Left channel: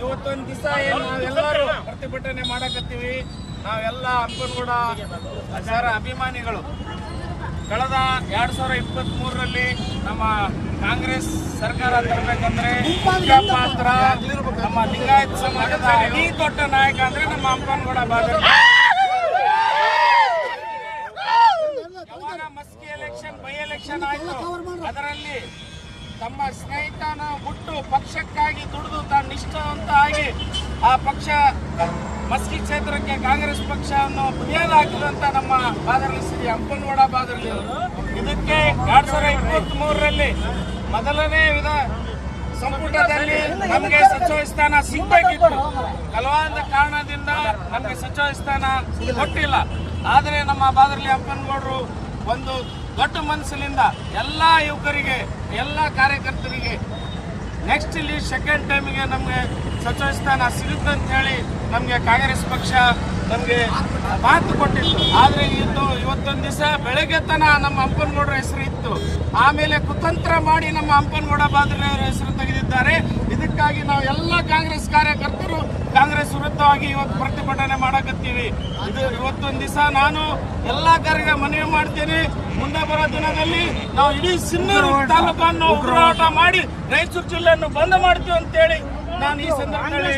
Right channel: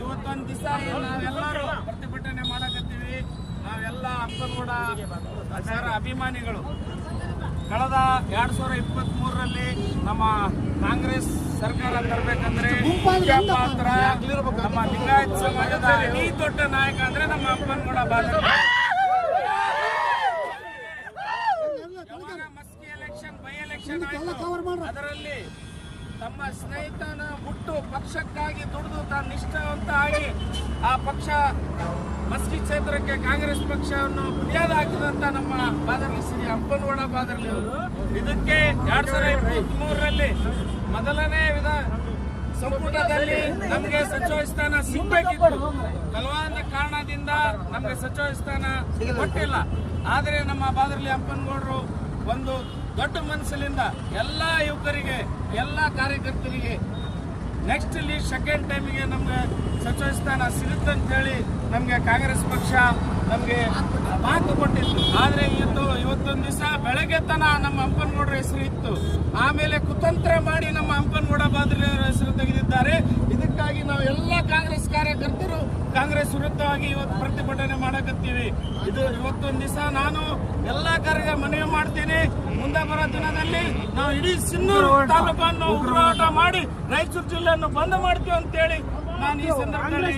ಇವತ್ತೊಂದು ದಿವಸ ಏನು ನಾವೆಲ್ಲರೂ ಪ್ರತಿಭಟನೆ ಮಾಡಕತ್ತೀವಿ. ನಾವೆಲ್ಲ ಹಂಪನಗೌಡ ಸರ್ ಅಭಿಮಾನಿಗಳು. ಕಳೆದ 2023ರಲ್ಲಿ ನಮ್ಮ ಕಾಂಗ್ರೆಸ್ ಸರ್ಕಾರ ತರಬೇಕಂದ್ರೆ ಮುಖ್ಯ ಪಾತ್ರ ನಮ್ಮ ಲಿಂಗಾಯತ ಸಮಾಜದ ಅತಿ ದೊಡ್ಡ ನಾಯಕ ಅಂದ್ರೆ ನಮ್ಮ ಹಂಪನಗೌಡ ಬಾದರ್ಲಿ. ಯಾವಾಗ ಮಸ್ಕಿ ಎಲೆಕ್ಷನ್ ಬೈ ಎಲೆಕ್ಷನ್ ಆಯ್ತು, ಅದರಲ್ಲಿ ತಮ್ಮ ಸ್ನೇಹಿತನ ಹುಟ್ಟು ಪಕ್ಷಕ್ಕಾಗಿ ದುಡಿದು ತಾನು ನಿಷ್ಠಾವಂತ ಆಗಿ ಆ ಪಕ್ಷ ಮಸ್ಕಿ ಕ್ಷೇತ್ರಕ್ಕೆ ಕಾಂಗ್ರೆಸ್ ಪಕ್ಷವನ್ನು ಬುನಿಯಾದ ಹಾಕಿದಂತ ನಮ್ಮ ಬಾದರ್ಲಿ ಶ್ರೀ ಹಂಪನಗೌಡ ಬಾದರ್ಲಿ ಅವರು. ಇದಕ್ಕೆ 2023ರಲ್ಲಿ ಮೊದಲನೇ ಸಂಪುಟದಲ್ಲಿ ನಮಗೆ ಸಚಿವ ಸ್ಥಾನ ಸಿಗಬೇಕಿತ್ತು. ಕೆಲವೊಂದು ಕಾರಣದಿಂದ ನಮಗೆ ಸಚಿವ ಸ್ಥಾನ ಕೊಟ್ಟಿಲ್ಲ. ಆದರೆ ನಮ್ಮ ಬಾದರ್ಲಿ ಹಂಪನಗೌಡರು ಒಂದು ದೊಡ್ಡ ಮನಸ್ಸಿನಿಂದ ಎಲ್ಲ ಯುವಕರಿಗೆ, ಎಲ್ಲ ಕಾರ್ಯಕರ್ತರಿಗೆ ನೆಕ್ಸ್ಟ್ ಇಲ್ಲಿ ಸೆಕೆಂಡ್ ಟೈಮಿಗೆ ನಮಗೆ ಸಚಿವ ಸ್ಥಾನ ಸಿಗುತ್ತೆ ಅಂತ ಹೇಳಿ ನಮಗೆ ಕಾಂಗ್ರೆಸ್ ಪಕ್ಷ ನಮಗೆ ಮಾತು ಕೊಟ್ಟಿತ್ತು. ಆದರೆ ಇವತ್ತೊಂದು ದಿವಸ ಬೆಳಗ್ಗೆ ತನ ನಮ್ಮ ಹಂಪನಗೌಡರ ಹೆಸರು ಇತ್ತು, ಆಮೇಲೆ ಕುತಂತ್ರ ಮಾಡಿ ನಮ್ಮ ಹಂಪನಗೌಡ ಬಾದರ್ಲಿ ಅವರ ಹೆಸರು ತೆಗೆದಿದ್ದಾರೆ. ಇದಕ್ಕಾಗಿ ನಾವು ಎಲ್ಲ ಕಾಂಗ್ರೆಸ್ ಕಾರ್ಯಕರ್ತರು ಕಾಂಗ್ರೆಸ್ ವಿರುದ್ಧವಾಗಿ ಇವತ್ತು ಪ್ರತಿಭಟನೆ ಮಾಡಕತ್ತೀವಿ. ಇವತ್ತೊಂದು ದಿವಸ ನಾನು ಎಲ್ಲ ಕಾರ್ಯ ಮನವಿ ಮಾಡ್ತೇನೆ. ಮುಂದೆ ಬರೋ ದಿನದಲ್ಲಿ ನಾವು ಇಡೀ ಸಿನ್ನೂರು ತಾಲೂಕನ್ನು ಹೋರಾಟ ಮಾಡಿ ರಾಯಚೂರು ಜಿಲ್ಲೆಯನ್ನು ಬಂದ್ ಮಾಡ್ತೀವಿ ಅಂತೇಳಿ ನಾನು ಈ ಸಂದರ್ಭದಲ್ಲಿ